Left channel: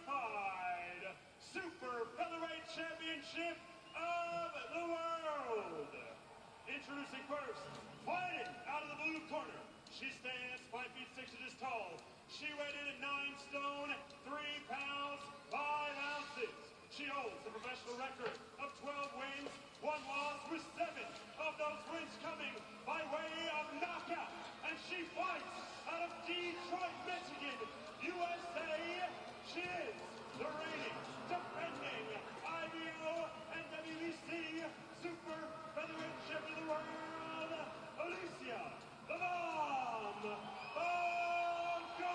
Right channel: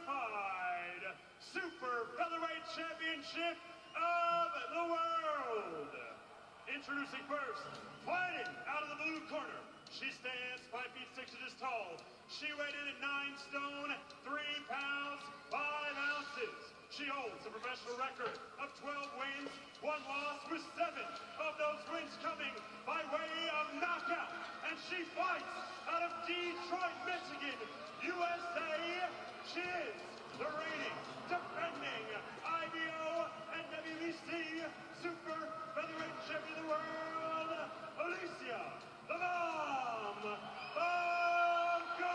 Unified Super Featherweight Championship of the World. Introducing first, fighting out of the blue corner. She stands 5 feet 6 inches tall. She weighed in at 9 stone, 3 pounds, 5 ounces. She holds a professional record of 12 wins, 1 loss, with 7 of those wins coming by way of knockout. And she fights out of Detroit, Michigan, USA. She is the reigning, defending IBO and WBC Super Featherweight Champion of the World, Alyccia "The Bomb" Baumgardner.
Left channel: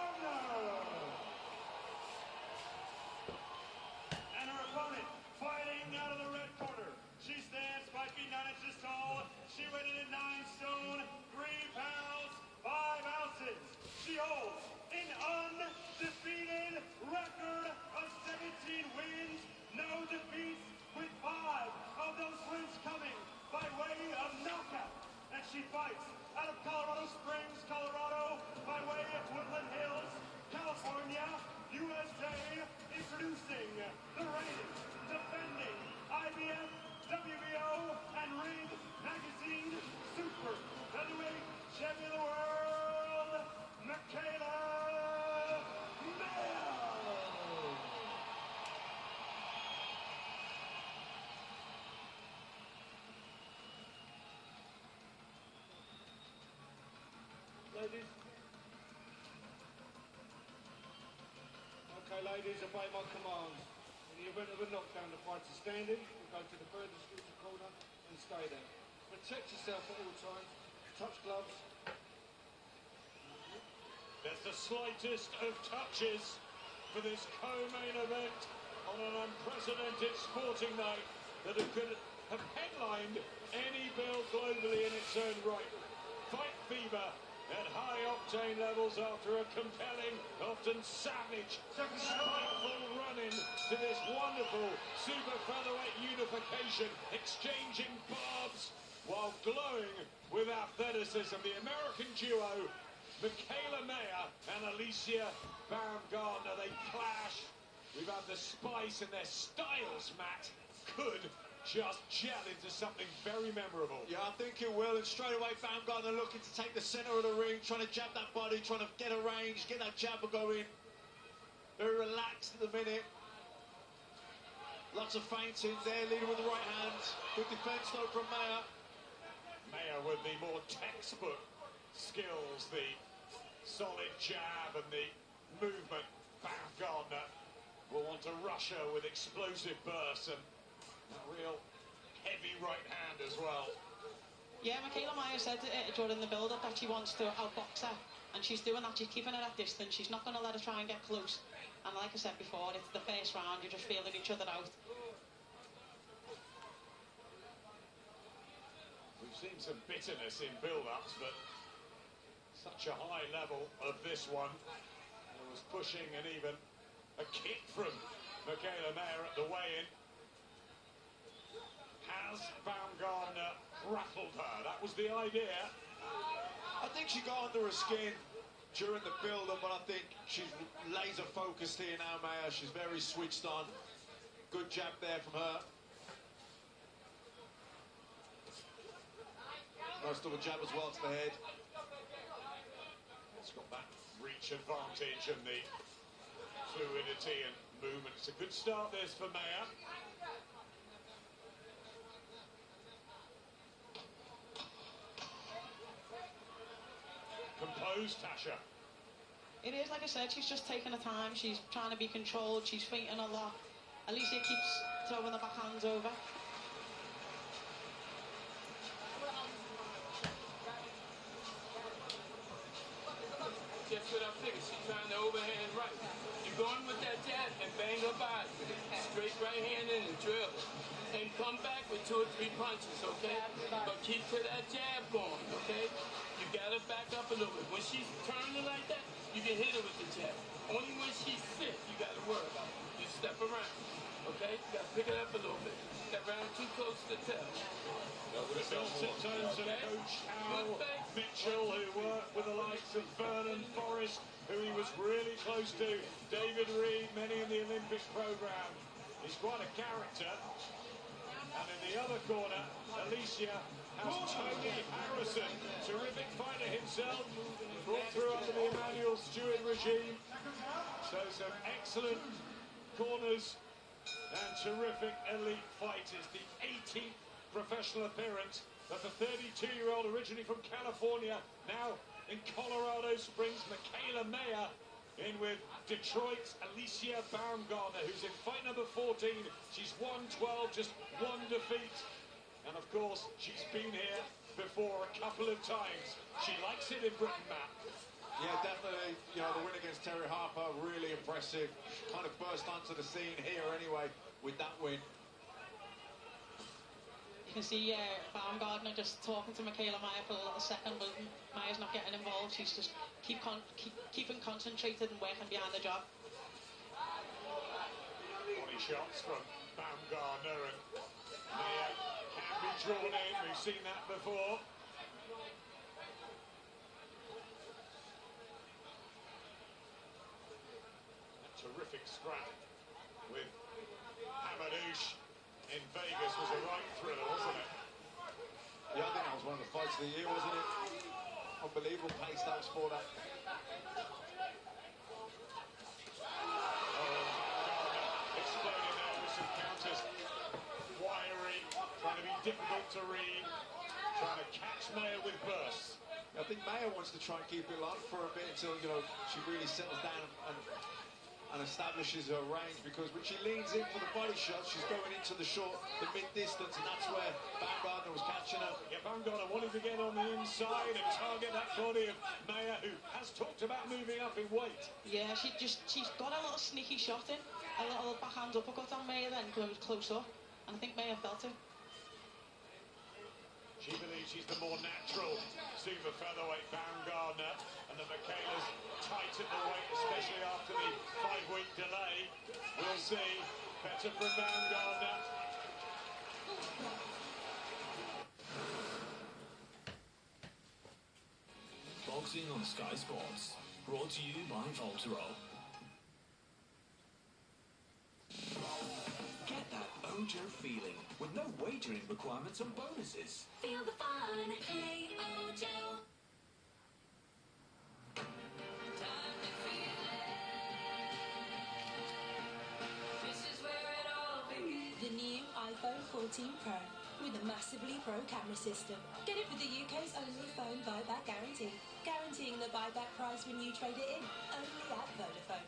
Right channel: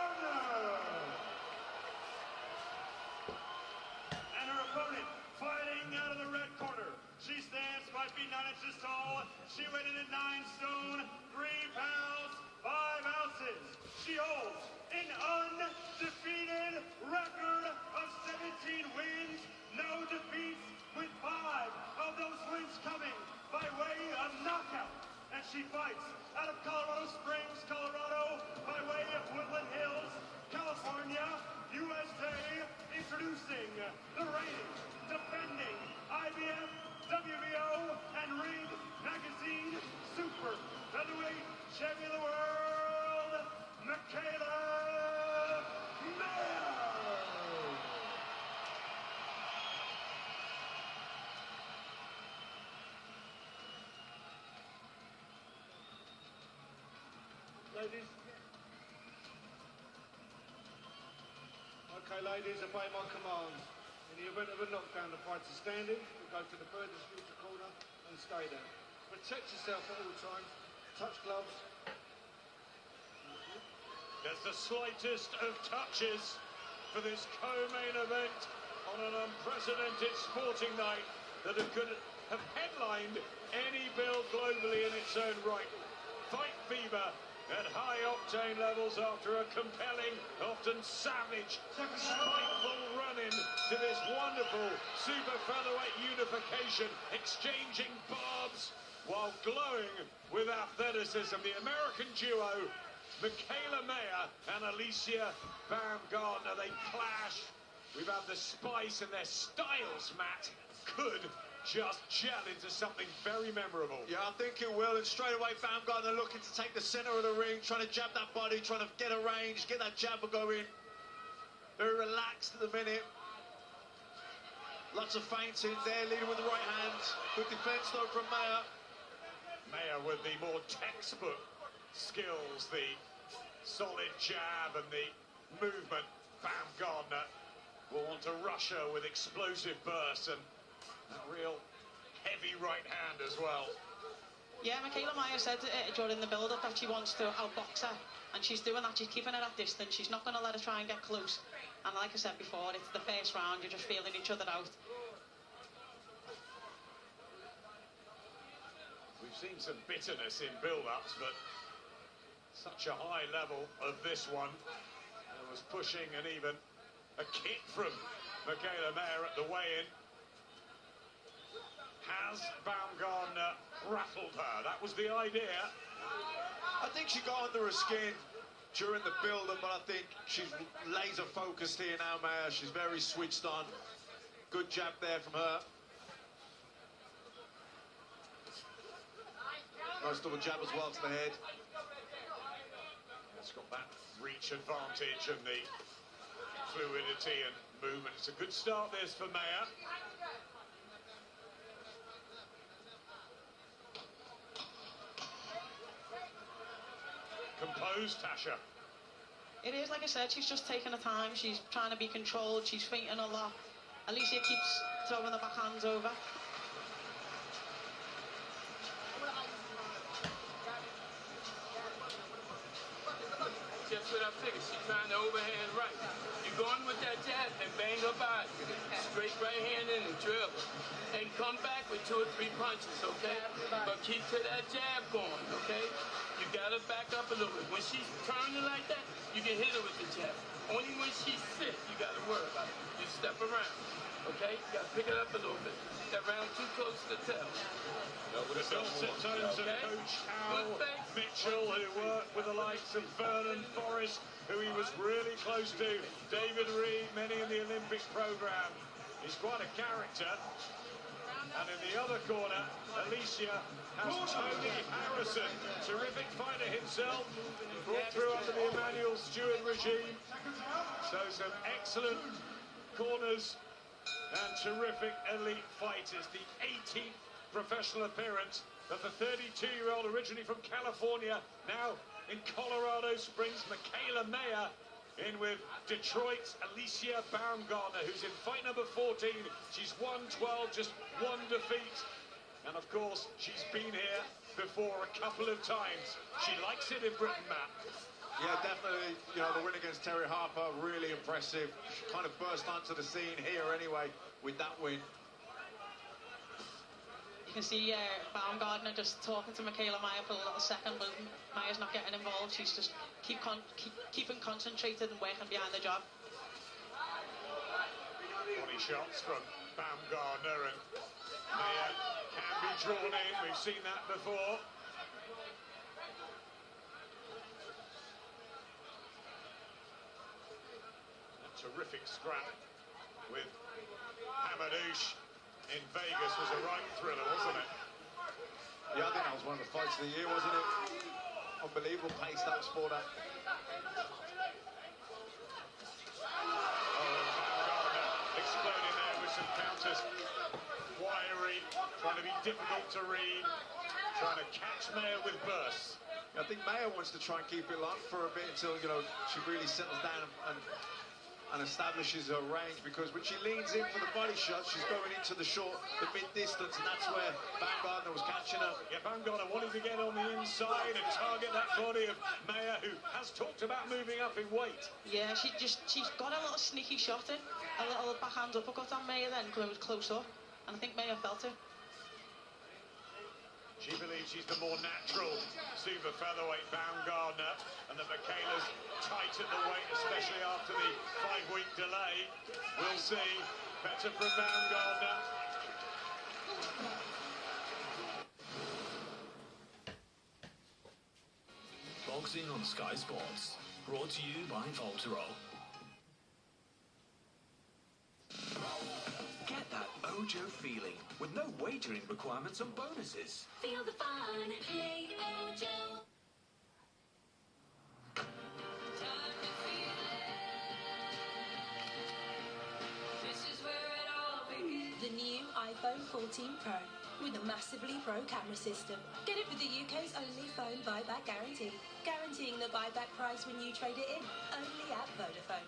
And her opponent, fighting out of the red corner. She stands 5 feet 9 inches tall. She weighed in at 9 stone, 3 pounds, 5 ounces. She holds an undefeated record of 17 wins, no defeats, with 5 of those wins coming by way of knockout. And she fights out of Colorado Springs, Colorado, by way of Woodland Hills, California, USA. Introducing the reigning, defending IBF, WBO, and Ring Magazine Super Featherweight Champion of the World, Mikaelaa. Ladies. Okay, ladies, obey my command. In the event of a knockdown, the fighter standing will go to the furthest neutral corner and stay there. Protect yourself at all times. Touch gloves. There's the slightest of touches for this co-main event on an unprecedented sporting night that could have headlined any bill globally in its own right. Fight fever at high octane levels after a compelling, often savage, spiteful run-in to this wonderful super featherweight unification, exchanging barbs while glowing with athleticism. The American duo, Mikaelaa and Alyccia Baumgardner, they clash. We've had the spice, and their styles, Matt, could just gel into something very memorable. Yeah, I think it will. And straight away, Baumgardner looking to take the centre of the ring, trying to jab that body, trying to get a range, get that jabber going. Very relaxed at the minute. Lots of feinting there, leading with the right hand. Good defence though from Mayer. Mayer with the more textbook skills, the solid jab and the movement. Baumgardner will want to rush her with explosive bursts and a real heavy right hand as well. Yeah, Mikaelaa said during the build-up that she wants to outbox her, and she's doing that. She's keeping her at distance. She's not going to let her try and get close. And like I said before, it's the first round. You're just feeling each other out. We've seen some bitterness in build-ups, but such a high level of this one. There was pushing and even a kick from Mikaelaa at the weigh-in. Has Baumgardner rattled her? That was the idea. I think she got under her skin during the build-up, but I think she's laser focused here now, Mayer. She's very switched on. Good jab there from her. Nice double jab as well to the head. It's got that reach advantage and the fluidity and movement. It's a good start this for Mayer. Composed, Tasha. It is, like I said, she's just taking her time. She's trying to be controlled. She's feinting a lot. Alyccia keeps throwing the backhands over. Just what I said, she's trying to overhand right. You're going with that jab and bang her body. Straight right hand in the drill. And come back with 2 or 3 punches, okay? But keep to that jab going, okay? You gotta back up a little bit. When she's turning like that, you can hit her with the jab. Only when she's sick, you gotta worry about it. You step around, okay? You gotta pick it up a little bit. Step around too close to the tail. Tones of Coach Al Mitchell, who worked with the likes of Vernon Forrest, who he was really close to, David Reed, many in the Olympic program. He's quite a character. And in the other corner, Alyccia has Tony Harrison, terrific fighter himself, brought through under the Emmanuel Stewart regime. So some excellent corners and terrific elite fighters. The 18th professional appearance of the 32-year-old originally from California, now in Colorado Springs, Mikaelaa in with Detroit's Alyccia Baumgartner, who's in fight number 14. She's won 12, just one defeat. And of course, she's been here before a couple of times. She likes it in Britain, Matt. Yeah, definitely. You know, the win against Terry Harper, really impressive. Kind of burst onto the scene here anyway with that win. You can see Baumgartner just talking to Mikaelaa for a little second, but Maya's not getting involved. She's just keeping concentrated and working behind the job. 20 shots from Baumgartner, and Maya can be drawn in. We've seen that before. A terrific scrap with Hamadouche in Vegas was a right thriller, wasn't it? Yeah, I think that was one of the fights of the year, wasn't it? Unbelievable pace that was for that. Exploding there with some counters. Wiry, trying to be difficult to read, trying to catch Maya with bursts. I think Maya wants to try and keep it locked for a bit until, you know, she really settles down and establishes her range, because when she leans in for the body shot, she's going into the mid-distance, and that's where Baumgartner was catching her. Yeah, Baumgartner wanting to get on the inside and target that body of Maya, who has talked about moving up in weight. Yeah, she's got a little sneaky shot in, a little backhand uppercut on Maya then, when it was close up, and I think Maya felt it. She believes she's the more natural super featherweight Baumgartner, and that Mikaela's tight at the weight, especially after the 5-week delay. We'll see. Better from Baumgartner. Boxing on Sky Sports, brought to you by Voltarol. Get that Ojo feeling with no wagering requirements and bonuses. Feel the fun, play Ojo. The new iPhone 14 Pro with a massively pro camera system. Get it with the UK's only phone buyback guarantee. Guaranteeing the buyback price when you trade it in. Only at Vodafone.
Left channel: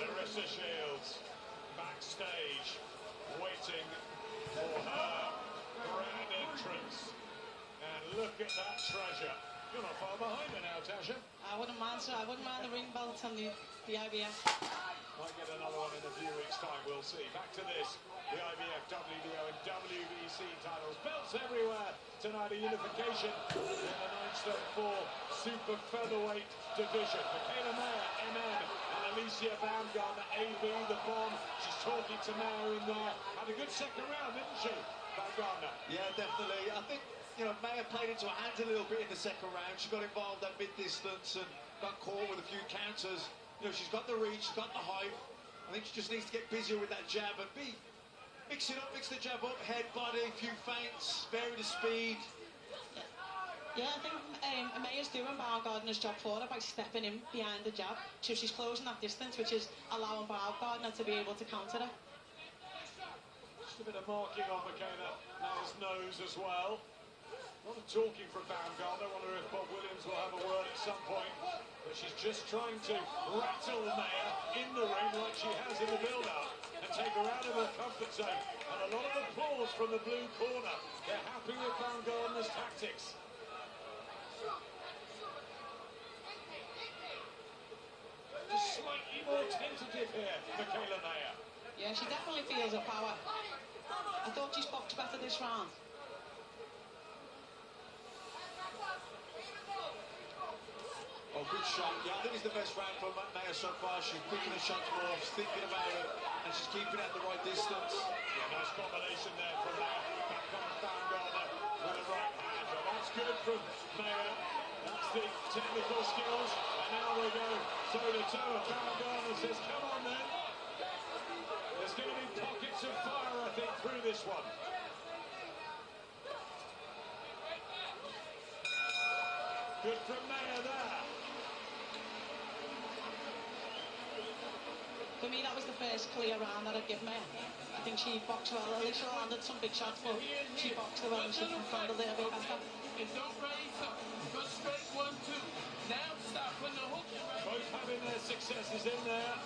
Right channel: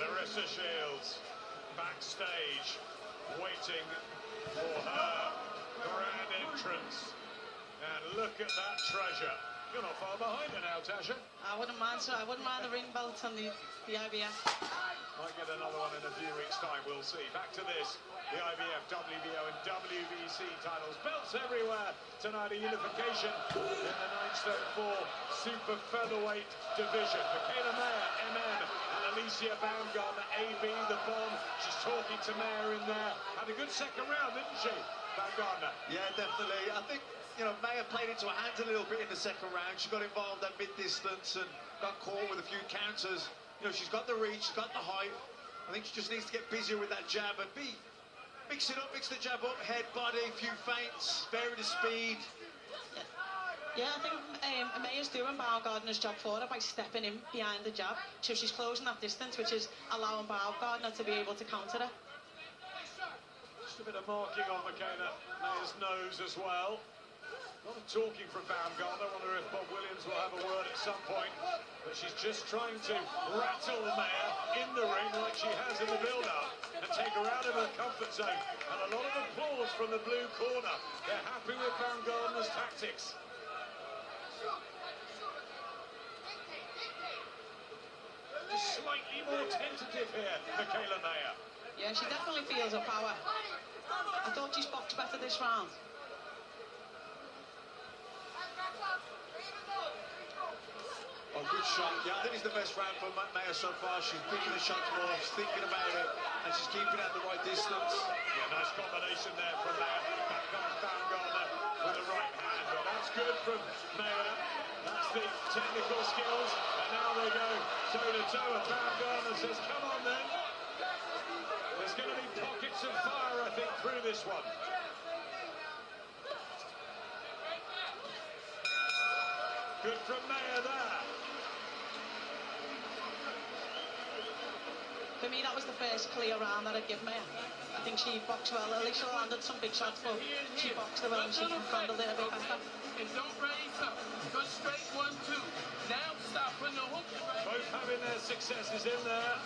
Larissa Shields backstage waiting for her grand entrance. And look at that treasure. You're not far behind her now, Tasha. I wouldn't mind the ring belt and the IBF. Might get another one in a few weeks' time, we'll see. Back to this, the IBF, WBO and WBC titles. Belts everywhere tonight, a unification in the 9'4" super featherweight division. Mikaelaa, MM, and Alyccia Baumgartner, AB, the bomb. She's talking to Maya in there. Had a good second round, didn't she, Baumgartner? Yeah, definitely. I think, you know, Maya played into her hands a little bit in the second round. She got involved at mid-distance and got caught with a few counters. You know, she's got the reach, she's got the height. I think she just needs to get busier with that jab and mix it up, mix the jab up, head, body, a few feints, vary the speed. Yeah, I think Maya's doing Baumgartner's job for her by stepping in behind the jab. So she's closing that distance, which is allowing Baumgartner to be able to counter her. Just a bit of marking on Maya's nose as well. A lot of talking from Baumgartner. I wonder if Bob Williams will have a word at some point. But she's just trying to rattle Maya in the ring like she has in the build-up and take her out of her comfort zone. And a lot of applause from the blue corner. They're happy with Baumgartner's tactics. Just slightly more tentative here, Mikaelaa Mayer. Yeah, she definitely feels her power. I thought she's boxed better this round. Oh, good shot. Yeah, I think it's the best round for Mayer so far. She's picking the shots more, she's thinking about it, and she's keeping it at the right distance. Yeah, nice combination there from Mayer. Back comes Baumgartner with the right hand. But that's good from Mayer. That's the technical skills. And now they go toe-to-toe. And Baumgartner says, come on then. There's going to be pockets of fire, I think, through this one. Good from Mayer there. For me, that was the first clear round that I'd give Mayer. I think she boxed well. Alyccia landed some big shots, but she boxed well and she handled it a bit better. And don't raise up. Go straight 1-2. Now stop putting the hook in. Both having their successes in there,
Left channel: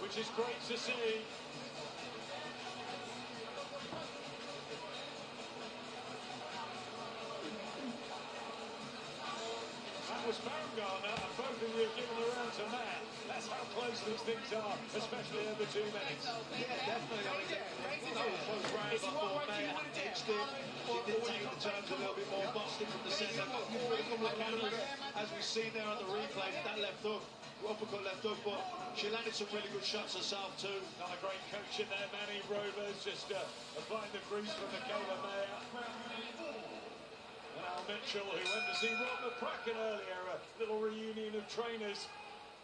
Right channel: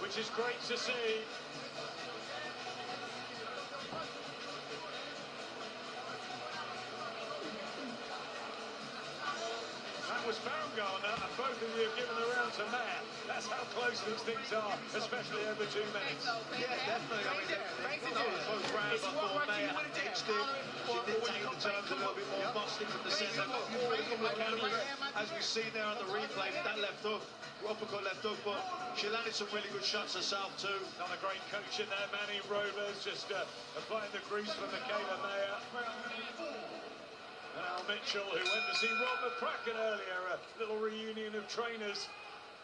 which is great to see. That was Baumgartner, and both of you have given the round to Mayer. That's how close these things are, especially over 2 minutes. Yeah, definitely. I mean, that was both rounds. I thought Mayer edged it. She did take the turns a little bit more, boxing from the centre. As we've seen there on the replay, that left hook, uppercut left hook, but she landed some really good shots herself too. Not a great coach in there, Manny Rovers, just applying the grease for Mikaelaa Mayer. And Al Mitchell, who went to see Rob McCracken earlier, a little reunion of trainers,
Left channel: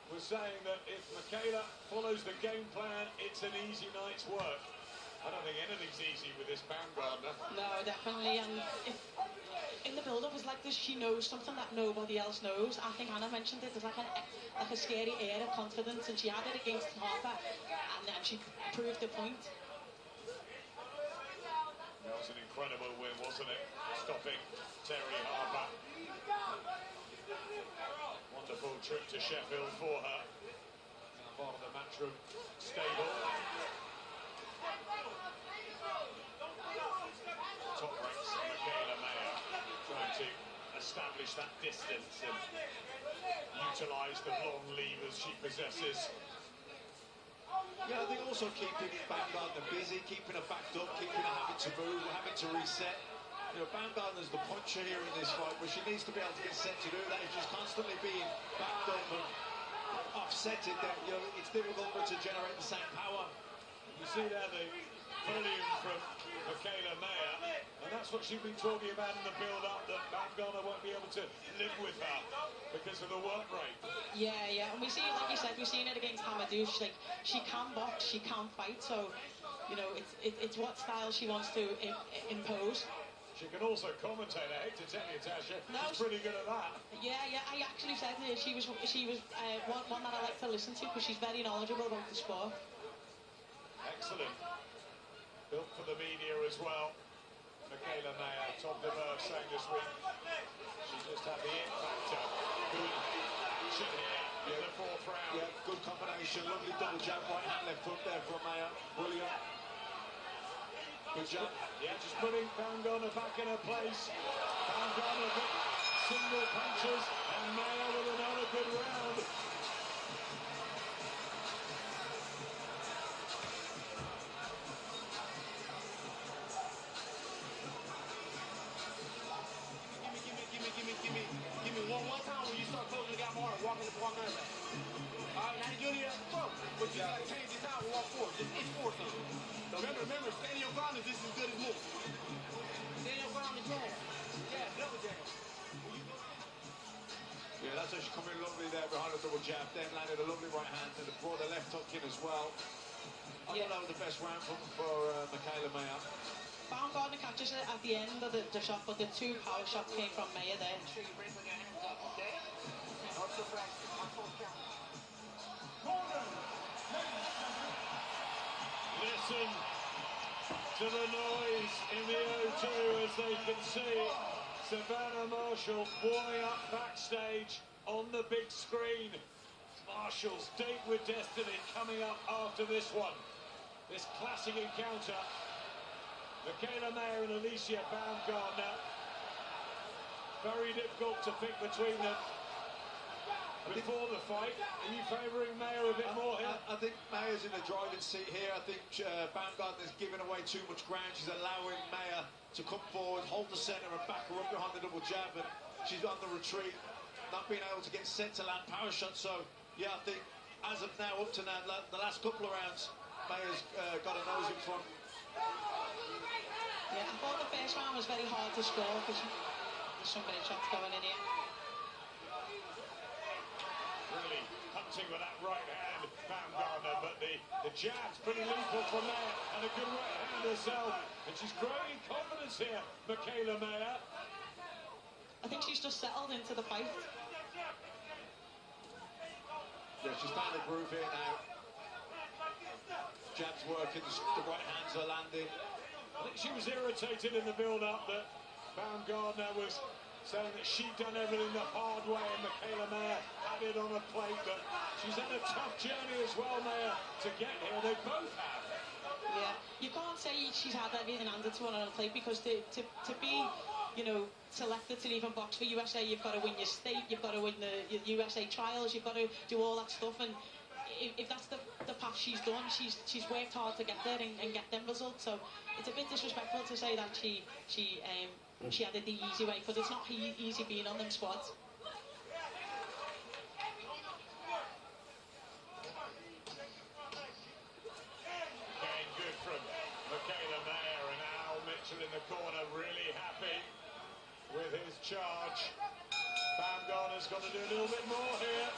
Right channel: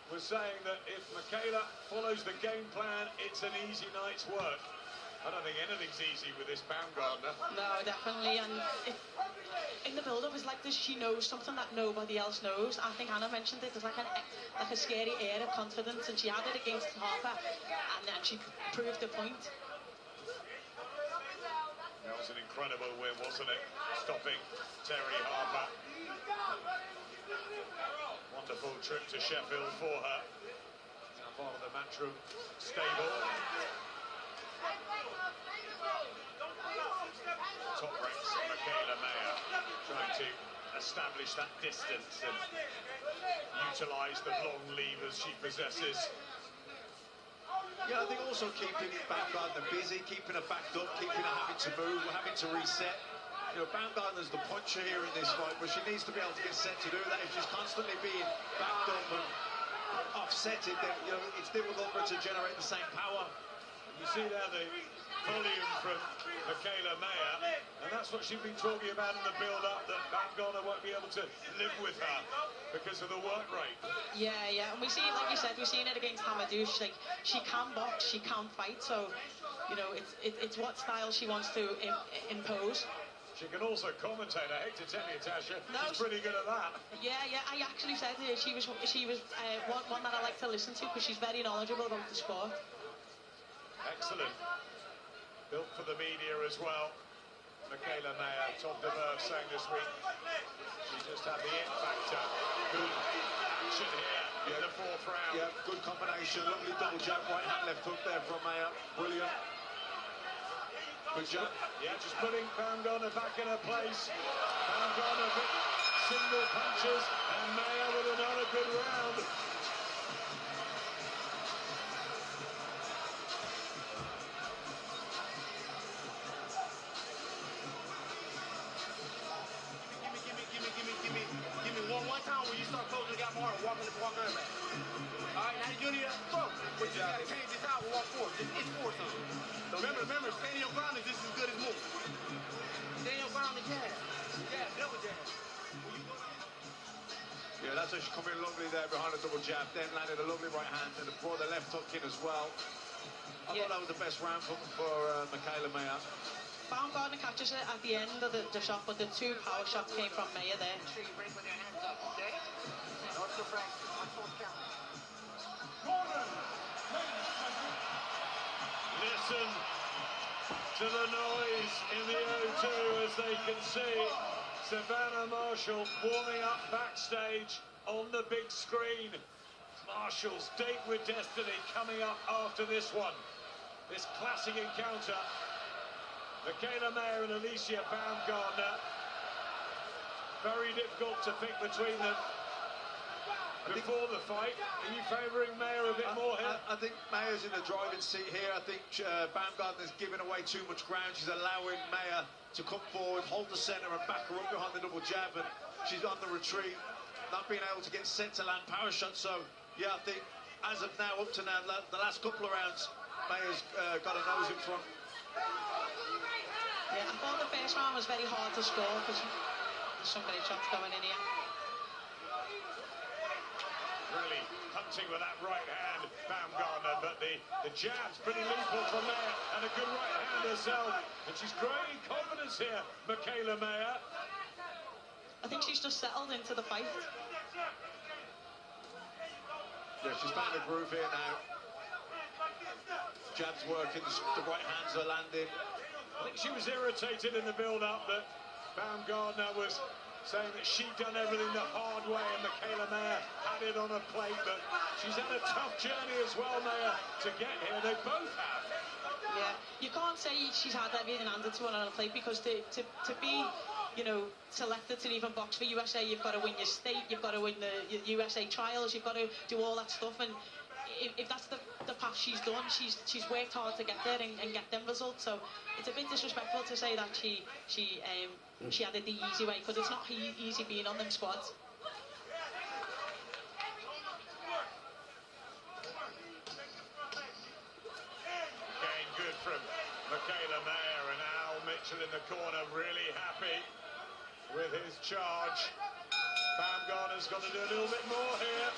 was saying that if Mikaelaa follows the game plan, it's an easy night's work. I don't think anything's easy with this Baumgartner. No, definitely. And in the build-up, it's like this, she knows something that nobody else knows. I think Anna mentioned it. There's like a scary air of confidence, and she had it against Harper, and then she proved the point. That was an incredible win, wasn't it? Stopping Terry Harper. Wonderful trip to Sheffield for her. Now part of the Matchroom stable. Top ranks Mikaelaa Mayer trying to establish that distance and utilise the long levers she possesses. Yeah, I think also keeping Baumgartner busy, keeping her backed up, keeping her having to move, having to reset. You know, Baumgartner's the puncher here in this fight, but she needs to be able to get set to do that. If she's constantly being backed up and offsetted, then, you know, it's difficult for her to generate the same power. You see there the volume from Mikaelaa Mayer, and that's what she's been talking about in the build-up, that Baumgartner won't be able to live with her because of the work rate. Yeah, and we see, like you said, we've seen it against Hamadou. She's like, she can box, she can fight, so, you know, it's what style she wants to impose. She can also commentate. I hate to tell you, Tasha, she's pretty good at that. Yeah, I actually said to her she was one that I like to listen to because she's very knowledgeable about the sport. Excellent. Built for the media as well. Mikaelaa Mayer, Tom DeBerg sang this week. She just had the it factor. Good action here in the fourth round. Yeah, good combination. Lovely double jab, right hand, left hook there from Mayer. Brilliant. Good job. Yeah, just putting Baumgartner back in her place. Baumgartner with single punches, and Mayer with another good round. Give me one time when you start closing the gap harder, walking over. All right, now you're here, but you gotta change your time and walk forward. Just push forward something. So remember, standing your ground is just as good as moving. Standing your ground is jab. Jab, double jab. Yeah, that's how she come in lovely there behind a double jab, then landed a lovely right hand and brought the left hook in as well. I thought that was the best round for Mikaelaa Mayer. Baumgartner catches it at the end of the shot, but the two power shots came from Mayer there. Listen to the noise in the O2 as they can see Savannah Marshall warming up backstage on the big screen. Marshall's Date with Destiny coming up after this one. This classic encounter. Mikaelaa Mayer and Alyccia Baumgartner. Very difficult to pick between them. before the fight. Are you favouring Maya a bit more here? I think Maya's in the driving seat here. I think Baumgartner's giving away too much ground. She's allowing Maya to come forward, hold the centre and back her up behind the double jab, and she's on the retreat, not being able to get set to land power shots. So, yeah, I think as of now, up to now, the last couple of rounds, Maya's got a nose in front. Yeah, I thought the first round was very hard to score because there's some great shots going in here. Really punching with that right hand, Baumgartner, but the jab's pretty lethal from Maya, and a good right hand herself. And she's growing in confidence here, Mikaelaa Maya. I think she's just settled into the fight. Yeah, she's found a groove here now. Jab's working, the right hands are landing. I think she was irritated in the build-up that Baumgartner was saying that she'd done everything the hard way and Mikaelaa Maya had it on a plate, but she's had a tough journey as well, Maya, to get here. They both have. Yeah, you can't say she's had everything handed to her on a plate because to be, you know, selected to even box for USA, you've got to win your state, you've got to win the USA trials, you've got to do all that stuff, and if that's the path she's done, she's worked hard to get there and get them results. So it's a bit disrespectful to say that she had it the easy way, because it's not easy being on them squads. Again, good from Mikaelaa Maya, and Al Mitchell in the corner, really happy with his charge. Baumgartner's got to do a little bit more here.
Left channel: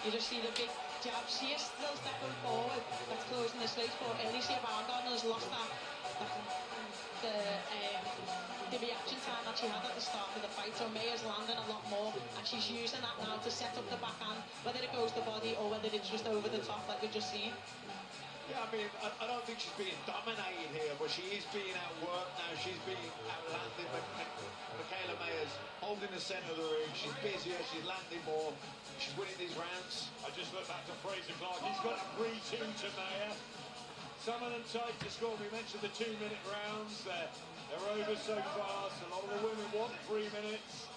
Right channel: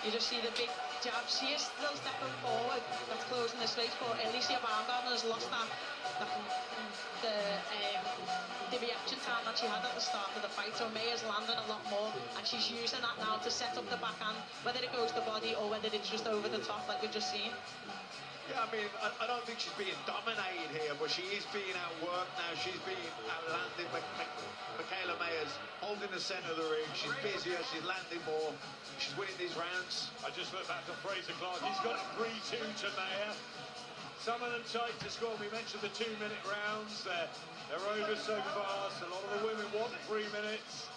You just see the big jabs. She is still stepping forward. That's closing the space for Alyccia. Baumgartner has lost the reaction time that she had at the start of the fight. So Maya's landing a lot more, and she's using that now to set up the backhand, whether it goes to body or whether it's just over the top like we've just seen. Yeah, I mean, I don't think she's being dominated here, but she is being outworked now. She's being outlanded. Mikaelaa Maya's holding the centre of the ring. She's busier, she's landing more. She's winning these rounds. I just look back to Fraser Clark. He's got 3-2 to Maya. Some of them tight to score. We mentioned the 2-minute rounds. They're over so fast. A lot of the women want 3 minutes.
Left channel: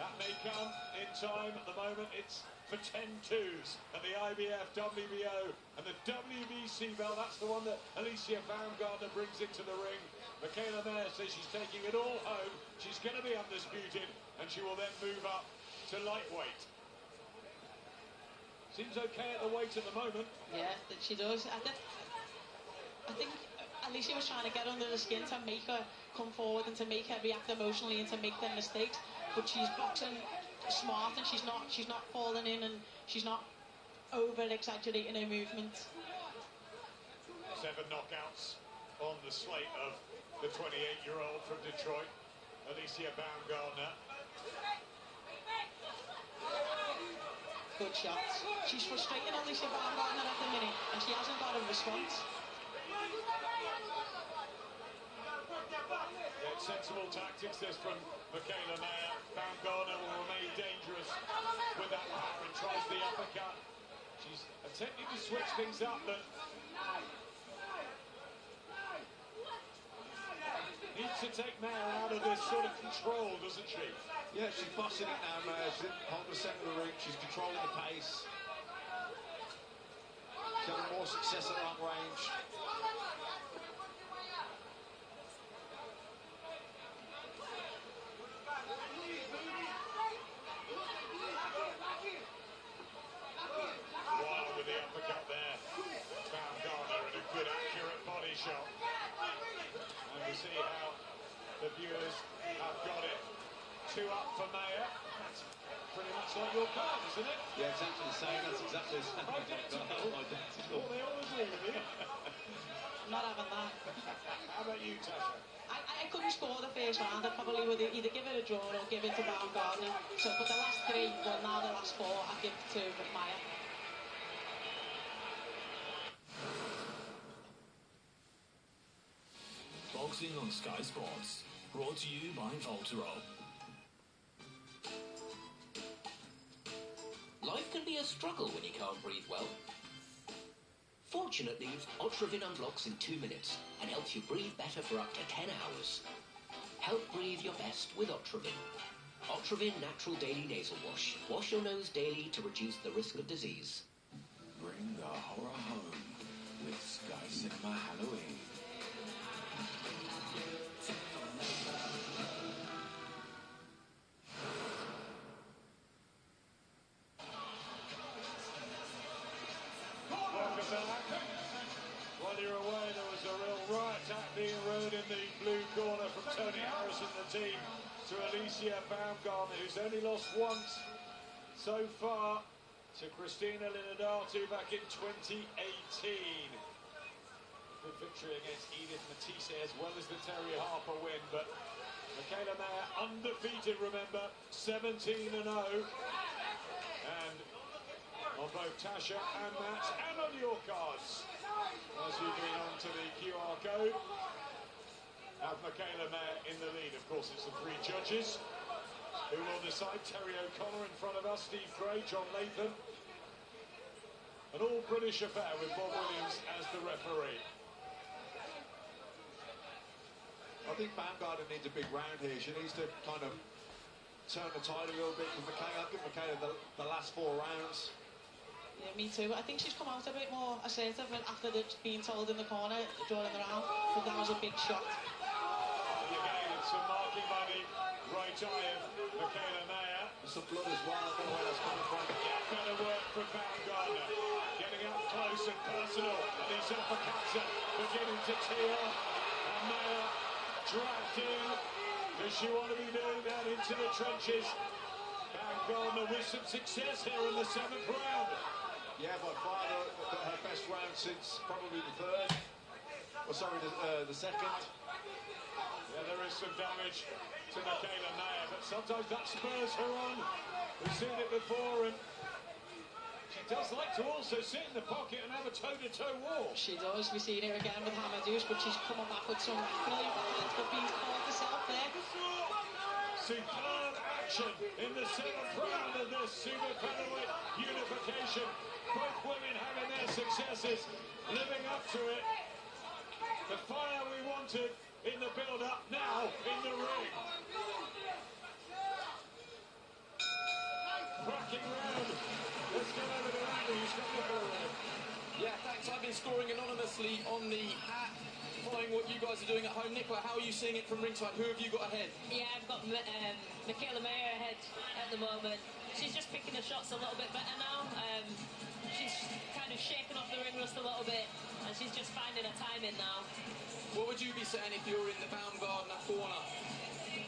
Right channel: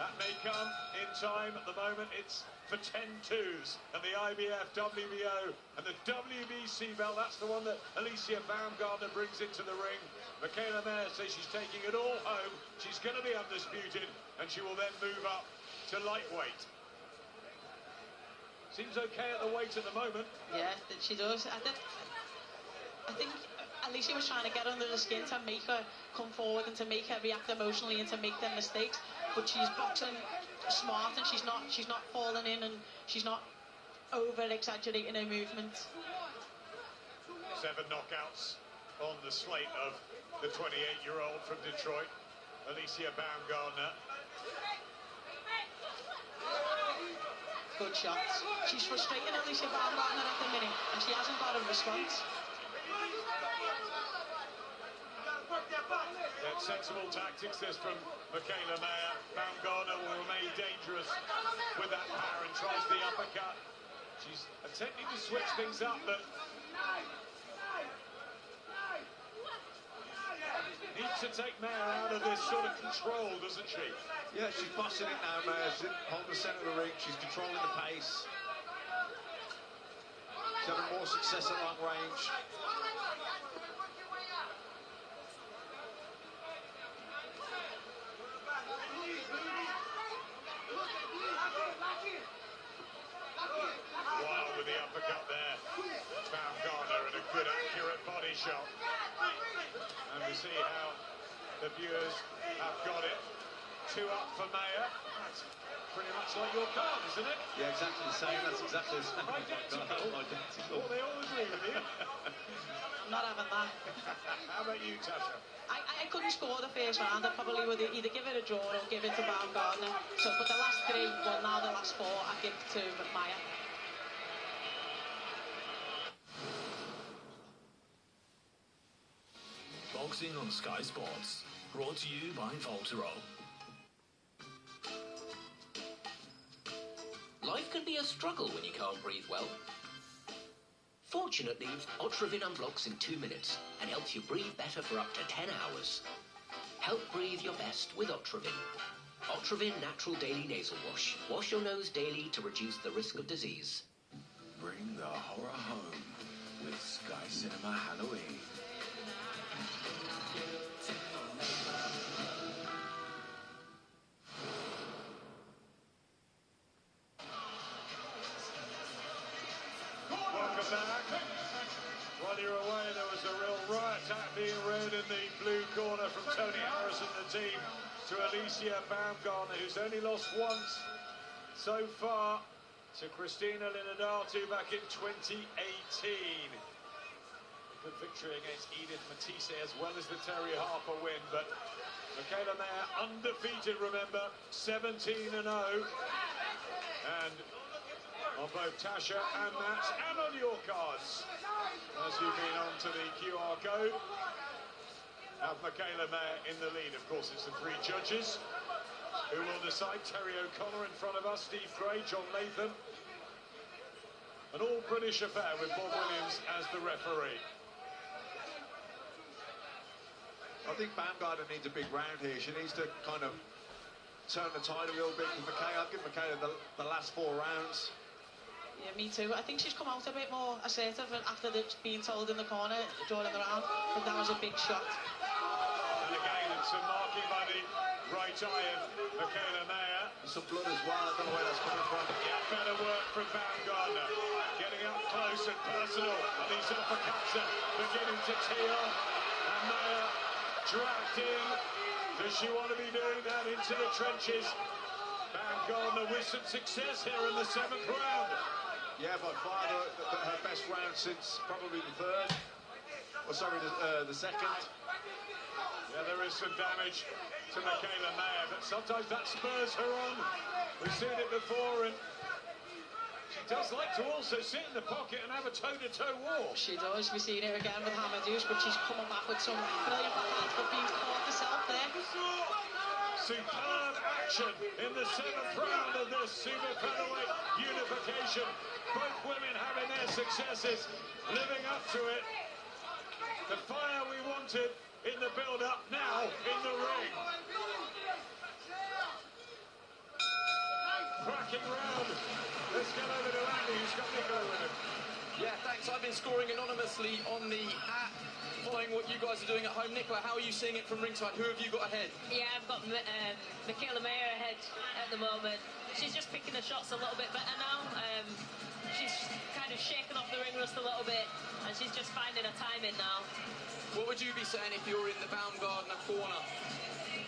That may come in time. At the moment, it's for 10-2s. And the IBF, WBO, and the WBC belt, that's the one that Alyccia Baumgartner brings into the ring. Mikaelaa Maya says she's taking it all home. She's going to be undisputed, and she will then move up to lightweight. Seems okay at the weight at the moment. Yeah, she does. I think Alyccia was trying to get under the skin to make her come forward and to make her react emotionally and to make them mistakes. But she's boxing smart, and she's not falling in, and she's not over-exaggerating her movements. 7 knockouts on the slate of the 28-year-old from Detroit, Alyccia Baumgartner. Good shots. She's frustrating Alyccia Baumgartner at the minute, and she hasn't got a response. Yeah, sensible tactics, this from Mikaelaa Maya. Baumgartner will remain dangerous with that power and tries the uppercut. She's attempting to switch things up, but needs to take Maya out of this sort of control, doesn't she? Yeah, she's bossing it now, Maya. She's holding the centre of the ring. She's controlling the pace. She's having more success at long range. Wild with the uppercut there. Baumgartner and a good accurate body shot. And we see how the viewers have got it. 2 up for Maya. That's pretty much like your card, isn't it? Yeah, exactly the same. That's exactly the same. Identical. Identical. Well, they all agree with you. I'm not having that. How about you, Tasha? I couldn't score the first round. I probably would either give it a draw or give it to Baumgartner. So, but the last 3, well, now the last 4, I give to Maya. Boxing on Sky Sports, brought to you by Voltero. Life can be struggle when you can't breathe well? Fortunately, Otrovin unblocks in 2 minutes and helps you breathe better for up to 10 hours. Help breathe your best with Otrovin. Otrovin Natural Daily Nasal Wash. Wash your nose daily to reduce the risk of disease. Bring the horror home with Sky Cinema Halloween. Welcome back. While you're away, there was a real riot act being rode in the blue corner from Tony Harris and the team to Alyccia Baumgartner, who's only lost once so far to Christina Linodatu back in 2018. A good victory against Edith Matisse as well as the Terry Harper win, but Mikaelaa Mayer undefeated, remember, 17-0. And on both Tasha and Matt and on your cards, as you've been on to the QR code, have Mikaelaa Mayer in the lead. Of course, it's the 3 judges who will decide. Terry O'Connor in front of us, Steve Gray, John Latham. An all-British affair with Bob Williams as the referee. I think Baumgartner needs a big round here. She needs to kind of turn the tide a little bit with Mikaelaa. I'd give Mikaelaa the last 4 rounds. Yeah, me too. I think she's come out a bit more assertive after being told in the corner during the round. I think that was a big shot. And again, it's some marking by the right eye of Mikaelaa Mayer. Some blood as well. I don't know where that's coming from. Better work from Baumgartner. Getting up close and personal. And these uppercuts are beginning to tee off. And Mayer dragged in. Does she want to be doing that into the trenches? Baumgartner with some success here in the 7th round. Yeah, by far her best round since probably the 3rd. Or sorry, the 2nd. Yeah, there is some damage to Mikaelaa Mayer, but sometimes that spurs her on. We've seen it before, and she does like to also sit in the pocket and have a toe-to-toe war. She does. We've seen her again with Hamadouche, but she's coming back with some brilliant backhands, but being caught herself there. Superb action in the 7th round of this super featherweight unification. Both women having their successes, living up to it. The fire we wanted in the build-up, now in the ring. Cracking round. Let's get over to Andy, who's got Nicola with him. Yeah, thanks. I've been scoring anonymously on the app, following what you guys are doing at home. Nicola, how are you seeing it from ringside? Who have you got ahead? Yeah, I've got Mikaelaa Mayer ahead at the moment. She's just picking the shots a little bit better now. She's kind of shaking off the ring rust a little bit, and she's just finding her timing now. What would you be saying if you're in the Baumgartner corner?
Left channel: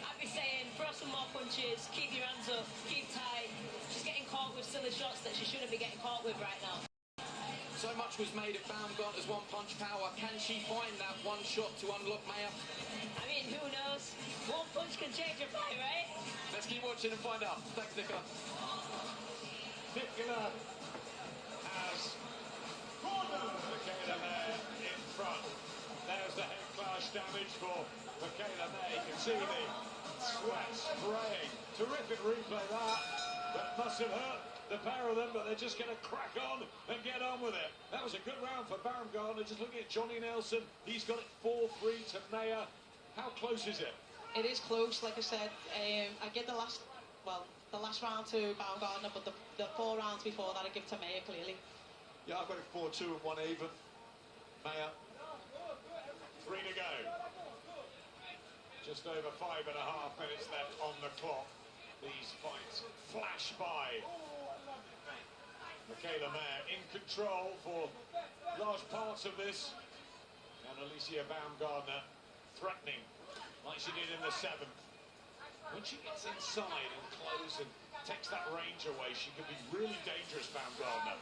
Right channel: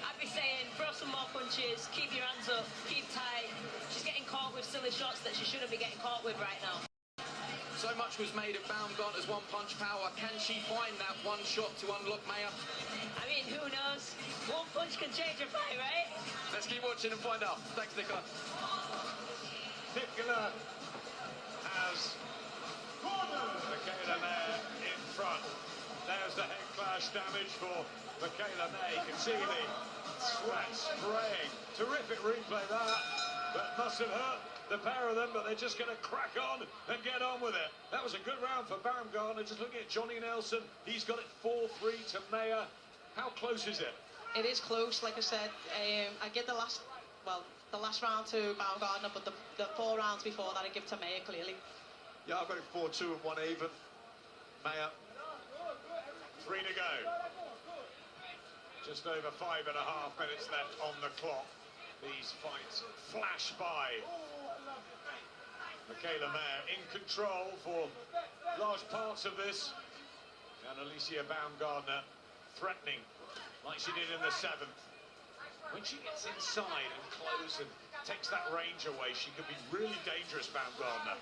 I'd be saying, throw some more punches, keep your hands up, keep tight. She's getting caught with silly shots that she shouldn't be getting caught with right now. So much was made of Baumgartner's one-punch power. Can she find that one shot to unlock Mayer? I mean, who knows? One punch can change a fight, right? Let's keep watching and find out. Thanks, Nicola. Nicola has Mikaelaa Mayer in front. There's the head clash damage for Mikaelaa Mayer. You can see the sweat spraying. Terrific replay that, but mustn't hurt the pair of them, but they're just going to crack on and get on with it. That was a good round for Baumgartner. Just looking at Johnny Nelson, he's got it 4-3 to Mayer. How close is it? It is close, like I said. I give the last round to Baumgartner, but the 4 rounds before that I give to Mayer clearly. Yeah, I've got it 4-2 and 1 even. Mayer. 3 to go. Just over 5.5 minutes left on the clock. These fights flash by. Mikaelaa Mayer in control for large parts of this. And Alyccia Baumgartner threatening, like she did in the 7th. When she gets inside and close and takes that range away, she could be really dangerous, Baumgartner.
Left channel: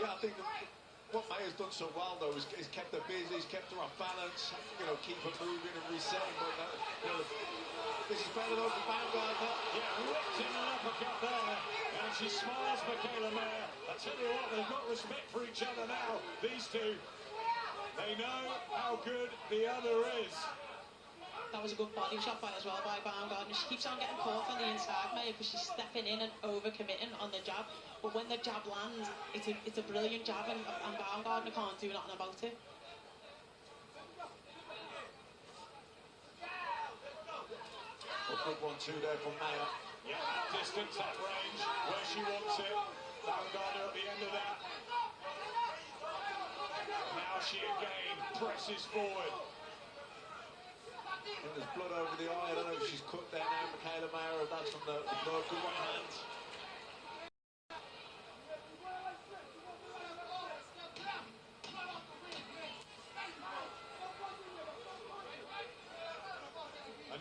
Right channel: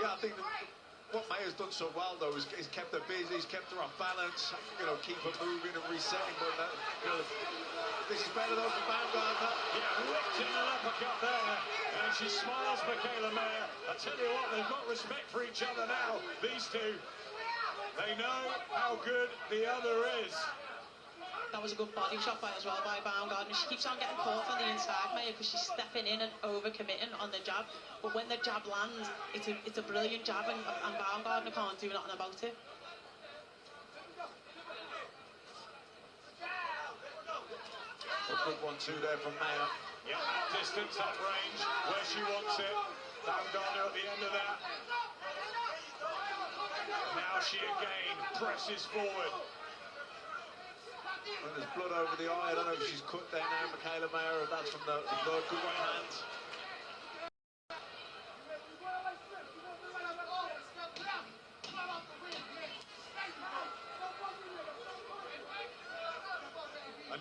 Yeah, I think what Mayer's done so well, though, is kept her busy, he's kept her off balance, keep her moving and resetting, but this is better though for Baumgartner. Yeah, locked in an uppercut there, and she smiles, Mikaelaa Mayer. I tell you what, they've got respect for each other now, these two. They know how good the other is. that was a good body shot by as well by Baumgartner. She keeps on getting caught on the inside, Maya, because she's stepping in and over-committing on the jab. But when the jab lands, it's a brilliant jab, and Baumgartner can't do nothing about it. A good one too there from Maya. Yeah, distance at range, where she wants it. Baumgartner at the end of that. Now she again presses forward. And there's blood over the eye. I don't know if she's cut there now, Mikaelaa, or if that's from the blood. Good one hand.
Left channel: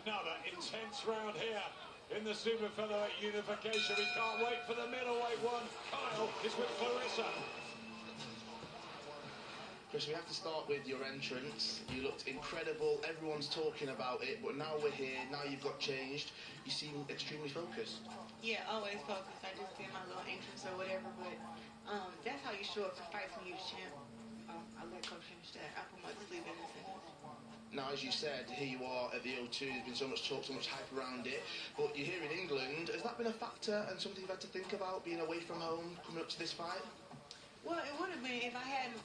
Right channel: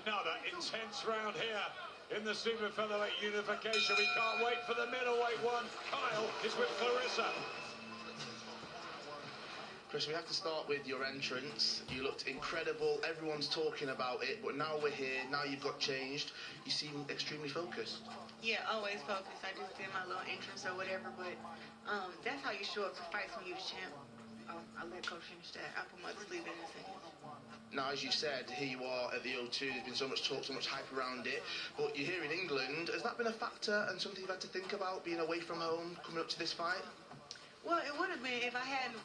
Another intense round here in the super featherweight unification. We can't wait for the middleweight one. Kyle is with Clarissa. Chris, we have to start with your entrance. You looked incredible. Everyone's talking about it, but now we're here. Now you've got changed. You seem extremely focused. Yeah, always focused. I just did my little entrance or whatever, but that's how you show up to fights when you're the champ. I let Coach finish that. I put my sleeve in his hands. Now, as you said, here you are at the O2. There's been so much talk, so much hype around it. But you're here in England. Has that been a factor and something you've had to think about, being away from home, coming up to this fight? Well, it would have been if I had,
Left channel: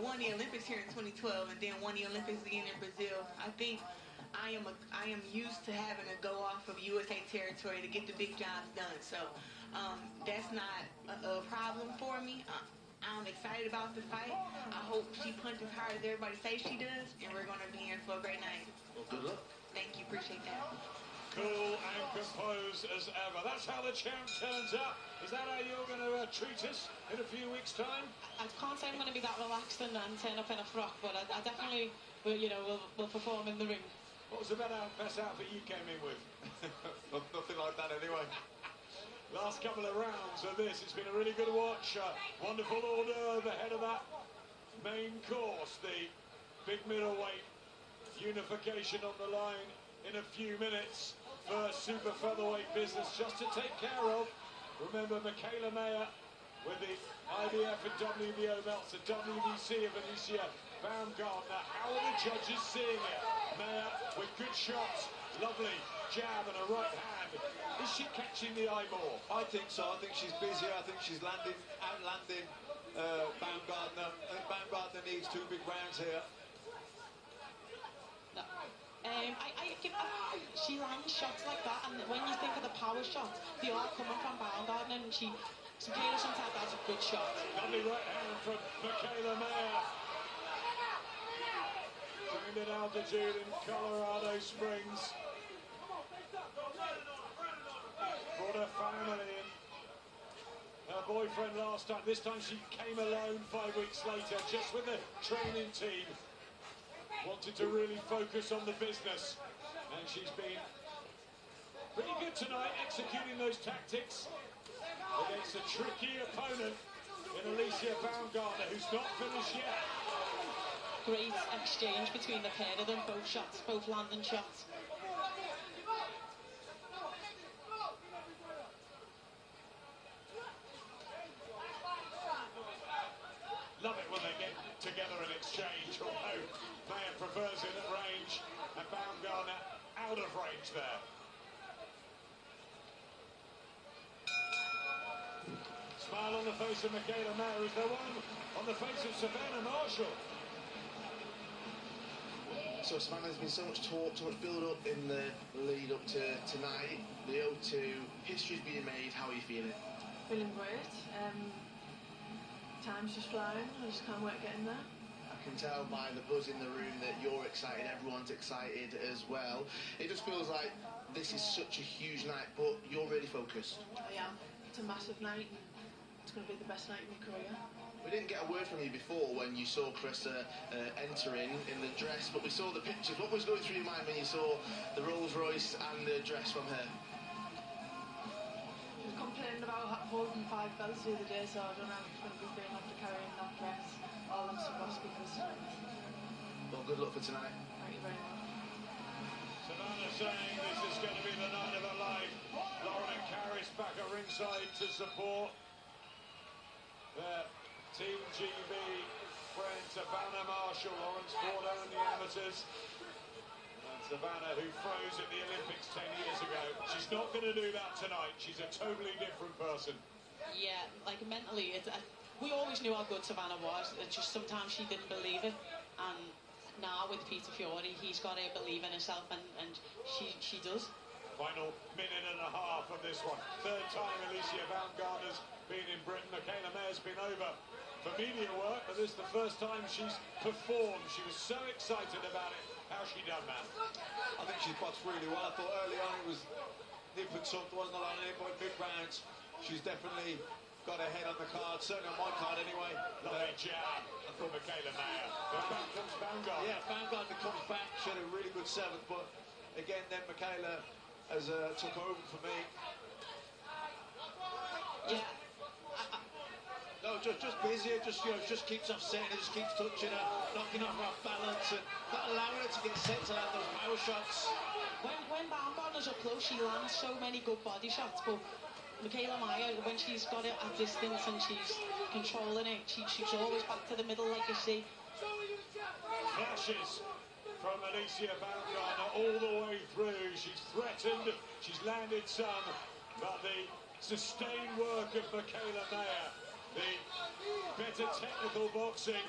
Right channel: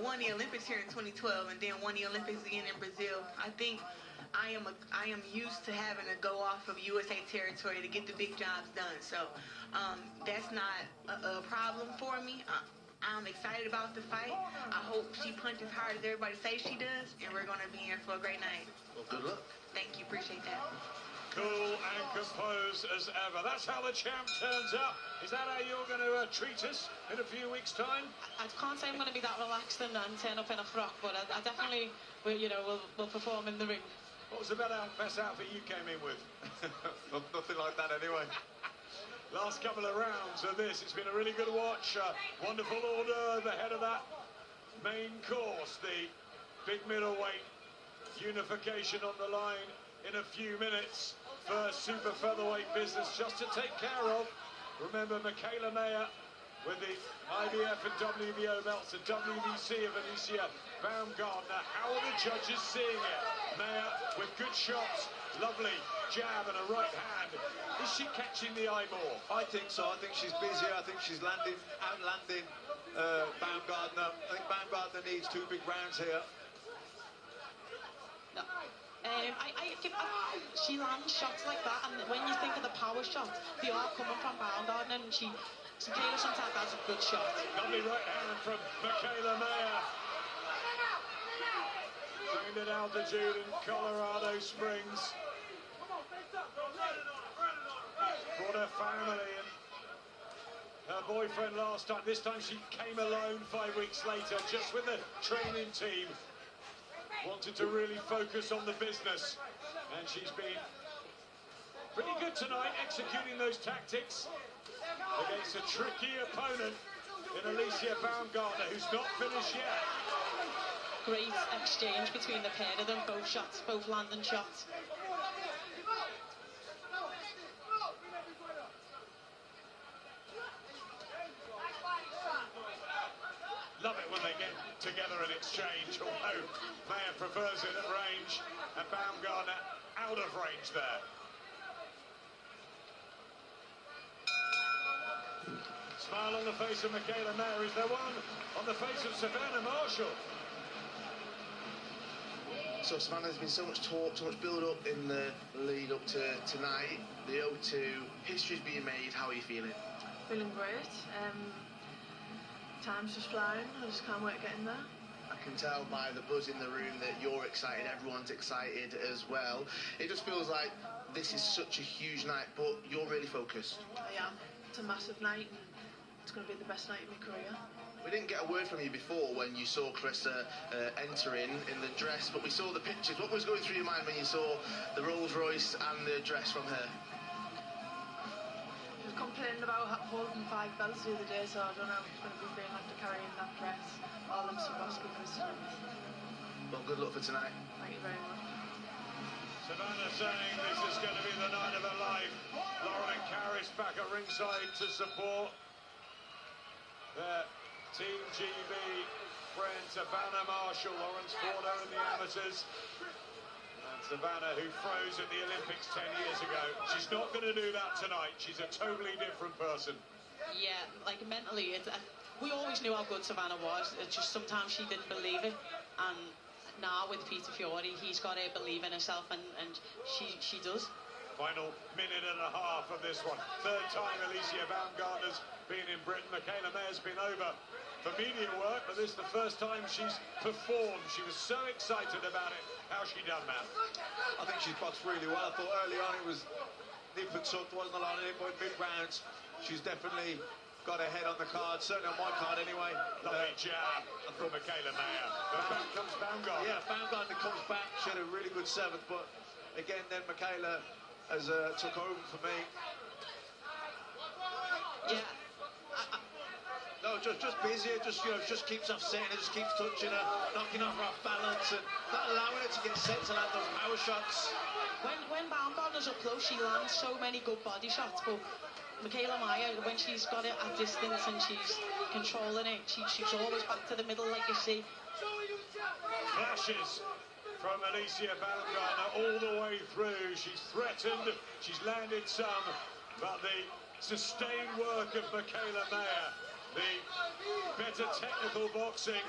won the Olympics here in 2012 and then won the Olympics again in Brazil. I think I am used to having to go off of USA territory to get the big jobs done. So that's not a problem for me. I'm excited about the fight. I hope she punches hard as everybody says she does, and we're going to be in for a great night. Well, good luck. Thank you. Appreciate that. Cool and composed as ever. That's how the champ turns up. Is that how you're going to treat us in a few weeks' time? I can't say I'm going to be that relaxed and turn up in a frock, but I definitely, will perform in the ring. What was the best outfit you came in with? Nothing like that anyway. Last couple of rounds of this, it's been a really good watch. Wonderful order ahead of that main course. The big middleweight unification on the line in a few minutes. First super featherweight business just to take care of. Remember, Mikaelaa with the IBF and WBO belts, the WBC of Alyccia Baumgartner. How are the judges seeing it? Maya with good shots, lovely jab and a right hand. Is she catching the eye more? I think so. I think she's busy. I think she's outlanding Baumgartner. I think Baumgartner needs 2 big rounds here. No. I think she lands shots like that, and when you think of the power shots, they are coming from Baumgartner, and she clearly sometimes has a good shot. Lovely right hand from Mikaelaa. Trained at altitude in Colorado Springs. Brought her family and her boyfriend last time. This time she came alone 5 weeks later, just with the training team. Wanted to really focus on the business, and she's been pretty good tonight executing those tactics against a tricky opponent in Alyccia Baumgartner, who's not finished yet. Great exchange between the pair of them, both shots, both landing shots. Love it when they get together and exchange, although Maya prefers it at range and Baumgartner out of range there. Smile on the face of Mikaelaa. Is there one on the face of Savannah Marshall? So, Savannah, there's been so much talk, so much build-up in the lead up to tonight. The O2, history's being made. How are you feeling? Feeling great. Time's just flying. I just can't wait getting there. I can tell by the buzz in the room that you're excited, everyone's excited as well. It just feels like this is such a huge night, but you're really focused. I am. It's a massive night, and it's going to be the best night of my career. We didn't get a word from you before when you saw Clarissa entering in the dress, but we saw the pictures. What was going through your mind when you saw the Rolls Royce and the dress from her? I was complaining about holding 5 belts the other day, so I don't know if it's going to be big after carrying that dress. All I'm supposed to do. Well, good luck for tonight. Thank you very much. Savannah saying this is going to be the night of her life. Lauren and Caris back at ringside to support their Team GB friend Savannah Marshall. Lawrence Fordo in the amateurs. And Savannah, who froze at the Olympics 10 years ago. She's not going to do that tonight. She's a totally different person. Yeah, like mentally, we always knew how good Savannah was. It's just sometimes she didn't believe it. And now with Peter Fiore, he's got to believe in herself, and she does. Final minute and a half of this one. Third time Alyccia Baumgartner's been in Britain. Mikaelaa Maer's been over for media work, but this is the first time she's performed. She was so excited about it. How's she done, man? I think she's boxed really well. I thought early on it was nip and tuck, wasn't a lot of it, but big rounds. She's definitely got her head on the card, certainly on my card anyway. Lovely jab from Mikaelaa Maer. But back comes Baumgartner. Yeah, Baumgartner comes back. She had a really good seventh, but again, then Mikaelaa has took over for me. Yeah. No, just busier, just keeps offsetting her, just keeps touching her, knocking off her off balance, and not allowing her to get set to land those power shots. When Baumgartner's up close, she lands so many good body shots, but Mikaelaa Maer, when she's got it at distance and she's controlling it, she's always back to the middle, like you see. Flashes from Alyccia Baumgartner all the way through. She's threatened, she's landed some, but the sustained work of Mikaelaa Maer, the better technical boxing,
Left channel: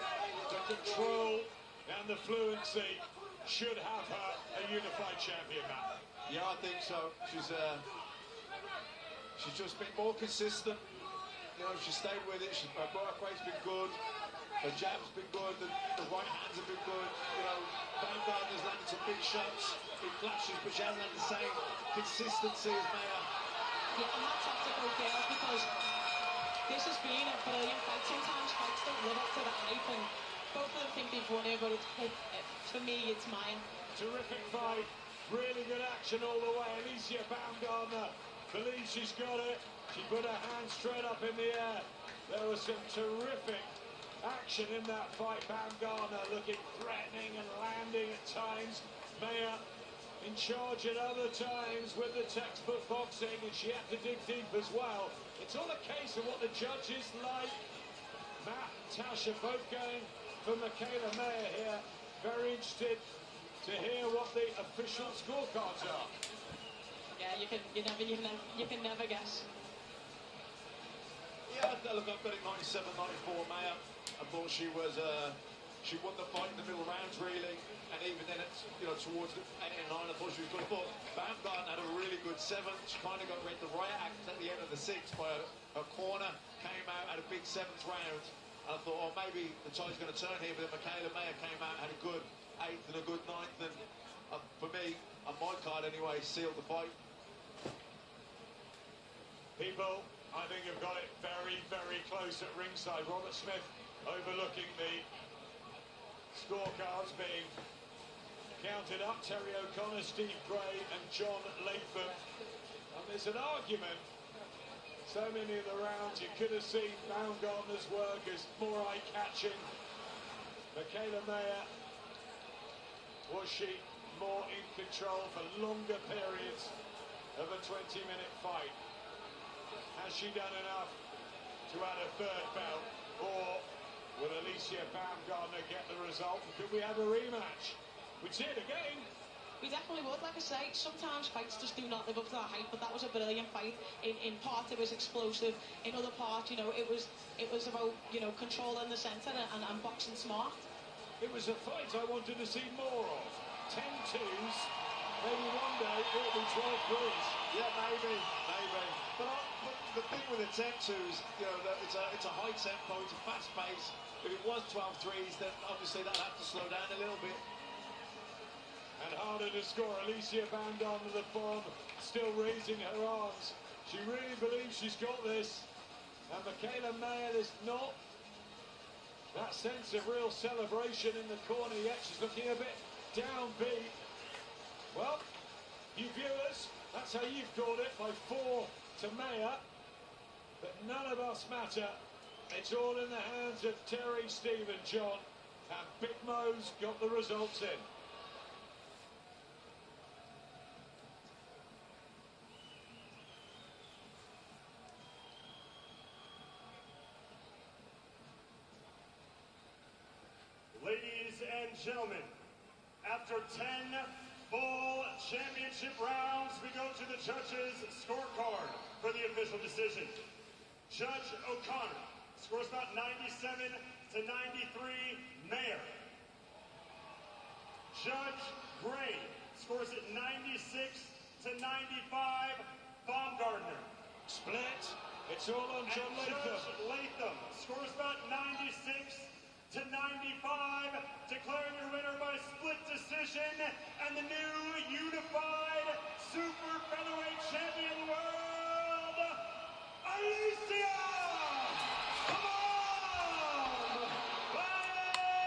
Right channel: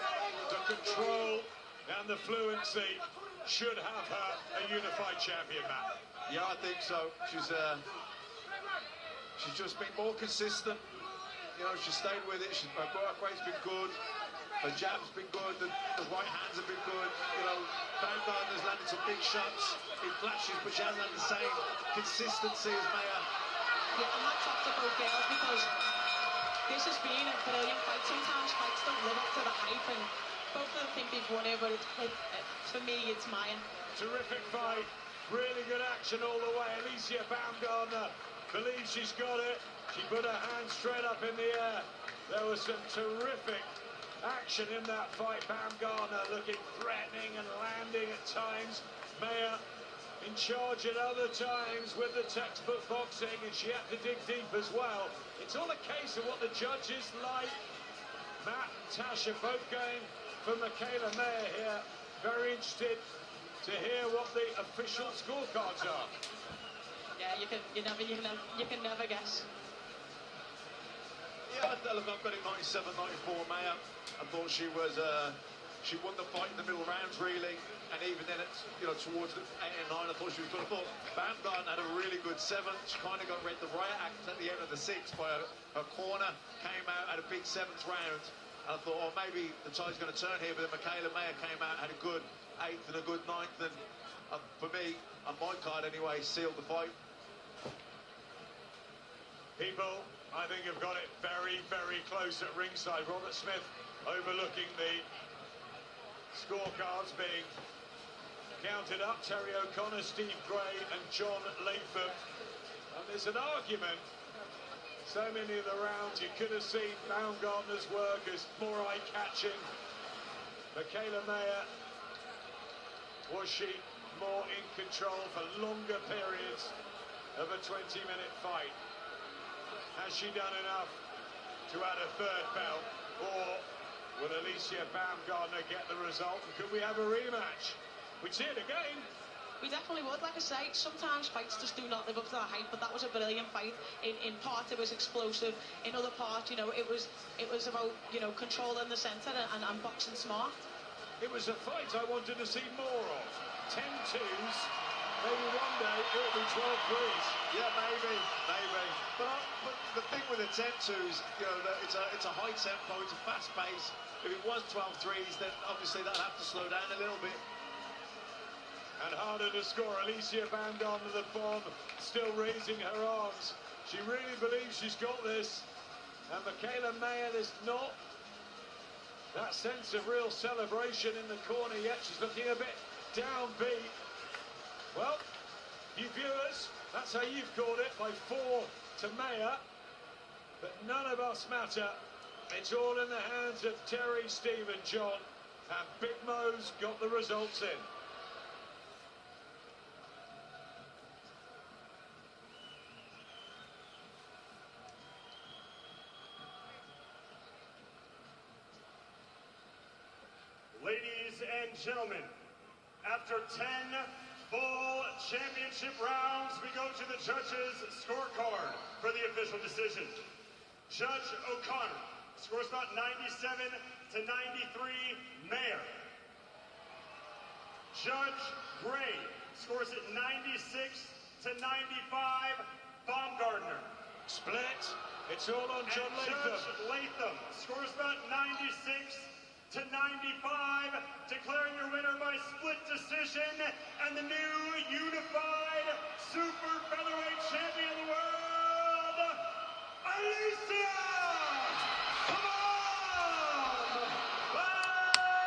the control and the fluency should have her a unified champion, Matt. Yeah, I think so. She's just been more consistent. You know, she stayed with it. Her work rate's been good. Her jab's been good. The right hands have been good. You know, Baumgartner's landed some big shots in flashes, but she hasn't had the same consistency as Maer. Yeah, and that's up to both girls, because this has been a brilliant fight. Sometimes fights don't live up to the hype, and both of them think they've won it, but for me, it's Maer. Terrific fight. Really good action all the way. Alyccia Baumgartner believes she's got it. She put her hand straight up in the air. There was some terrific action in that fight. Baumgartner looking threatening and landing at times. Maer in charge at other times with the textbook boxing, and she had to dig deep as well. It's all a case of what the judges like. Matt and Tasha both going for Mikaelaa Maer here. Very interested to hear what the official scorecards are. Yeah, you can never guess. Yeah, look, I've got it 97-94 Maer. I thought she won the fight in the middle rounds really, and even then, towards the 8 and 9, I thought she was good. I thought Baumgartner had a really good 7. She kind of got read the riot act at the end of the 6th by her corner. Came out, had a big 7th round. And I thought, oh, maybe the tide's going to turn here, but then Mikaelaa Maer came out, had a good 8th and a good 9th, and for me, on my card anyway, sealed the fight. People, I think, have got it very, very close at ringside. Robert Smith overlooking the scorecards being counted up. Terry O'Connor, Steve Gray and John Latham. And there's an argument. So many of the rounds you could have seen Baumgartner's work as more eye-catching. Mikaelaa Maer, was she more in control for longer periods of a 20-minute fight? Has she done enough to add a third belt? Or will Alyccia Baumgartner get the result? And could we have a rematch? We'd see it again. We definitely would. Like I say, sometimes fights just do not live up to the hype, but that was a brilliant fight. In part, it was explosive. In other part, it was about, controlling the centre and boxing smart. It was a fight I wanted to see more of. 10-2s. Maybe one day it'll be 12-3s. Yeah, maybe. But the thing with the 10-2s, that it's a high tempo, it's a fast pace. If it was 12-3s, then obviously that'd have to slow down a little bit. And harder to score. Alyccia Baumgartner, the bomb, still raising her arms. She really believes she's got this. And Mikaelaa Maer, there's not that sense of real celebration in the corner yet. She's looking a bit downbeat. Well, you viewers, that's how you've called it, by 4 to Maer. But none of us matter. It's all in the hands of Terry, Steve and John. And Big Mo's got the results in. Ladies and gentlemen, after 10 full championship rounds. We go to the judges' scorecard for the official decision. Judge O'Connor scores about 97 to 93, Mayer. Judge Gray scores at 96 to 95, Baumgartner. Split. It's all on John Latham. Judge Latham scores about 96 to 95, declaring your winner by split decision, and the new